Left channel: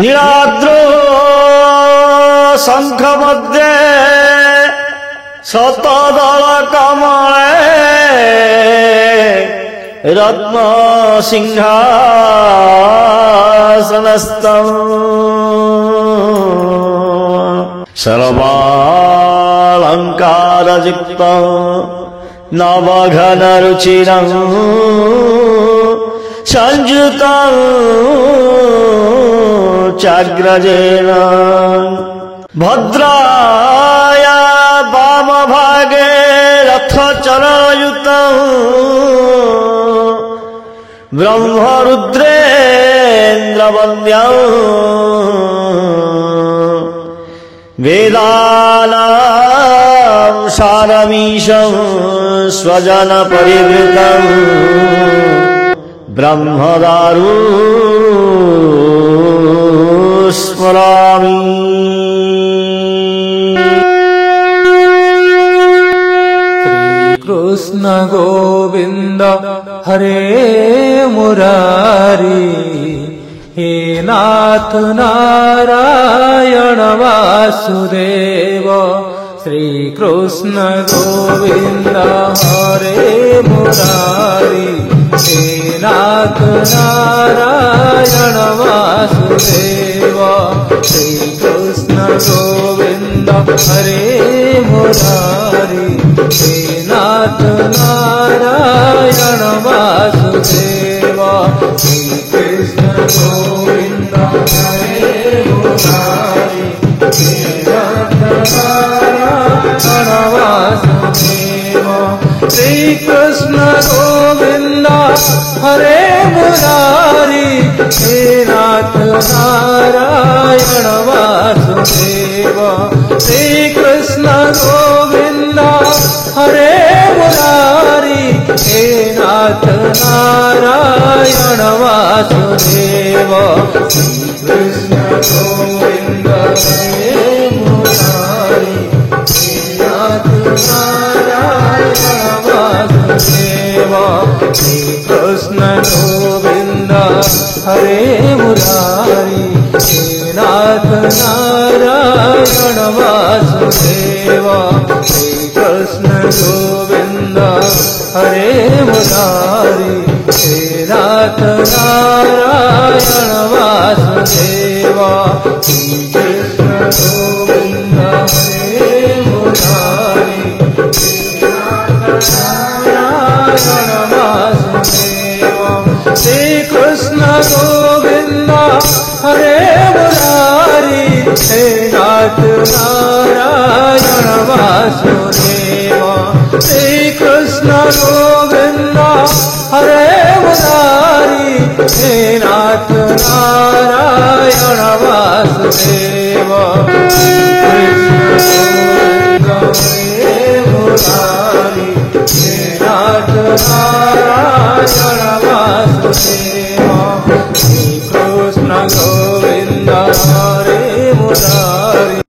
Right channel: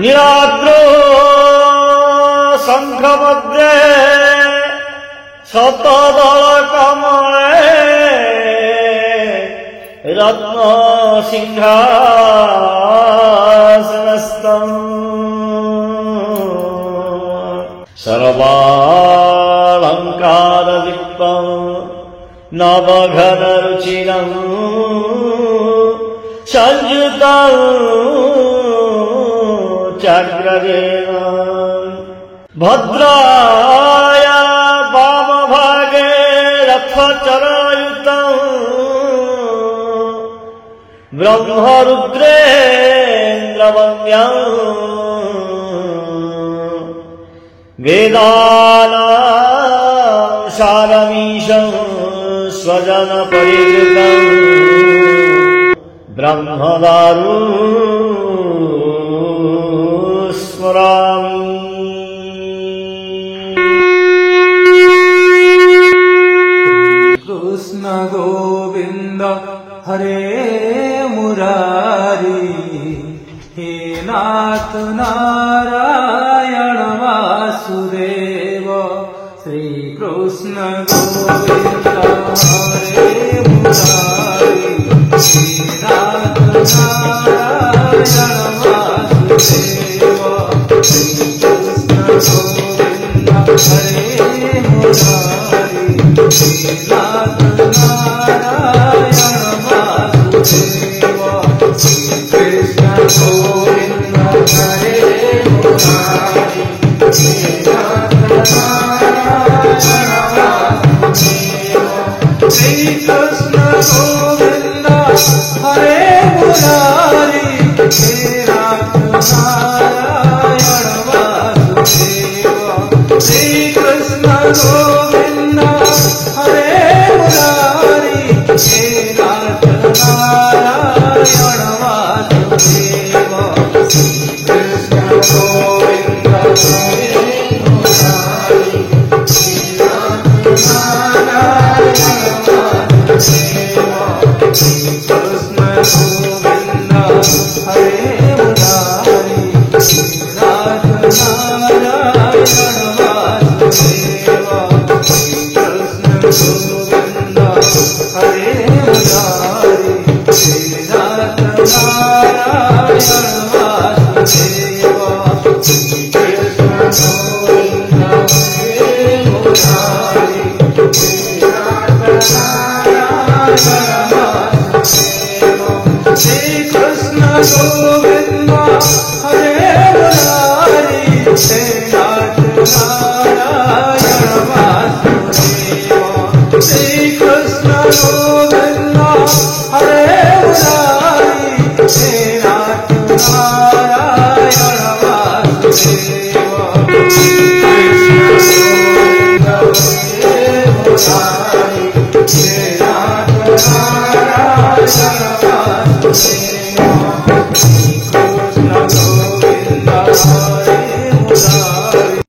नीलाद्रो शंख मध्ये शतदल कमले रत्न सिंहासनस्थम् सर्वालंकारयुक्तं नवघनरुचिरं संयुतं चाग्रजेन भद्राया वामभागे रथचरायुतं ब्रह्मरुद्रेन्द्रवन्द्यं वेदानां सारमीशं स्वजनपरिवृतं ब्रह्मदारु स्मरामि। कृष्ण गोविंद हरे मुरारी हे नाथ नारायण वासुदेव। श्री कृष्ण गोविंद हरे मुरारी हे नाथ नारायण वासुदेव। श्री कृष्ण गोविंद हरे मुरारी हे नाथ नारायण वासुदेव। श्री कृष्ण गोविंद हरे मुरारी हे नाथ नारायण वासुदेव। श्री कृष्ण गोविंद हरे मुरारी हे नाथ नारायण वासुदेव। श्री कृष्ण गोविंद हरे मुरारी हे नाथ नारायण वासुदेव। श्री कृष्ण गोविंद हरे मुरारी हे नाथ नारायण वासुदेव। श्री कृष्ण गोविंद हरे मुरारी हे नाथ नारायण वासुदेव। श्री कृष्ण गोविंद हरे मुरारी हे नाथ नारायण वासुदेव। श्री कृष्ण गोविंद हरे मुरारी हे नाथ नारायण वासुदेव। श्री कृष्ण गोविंद हरे मुरारी हे नाथ नारायण वासुदेव। श्री कृष्ण गोविंद हरे मुरारी हे नाथ नारायण वासुदेव।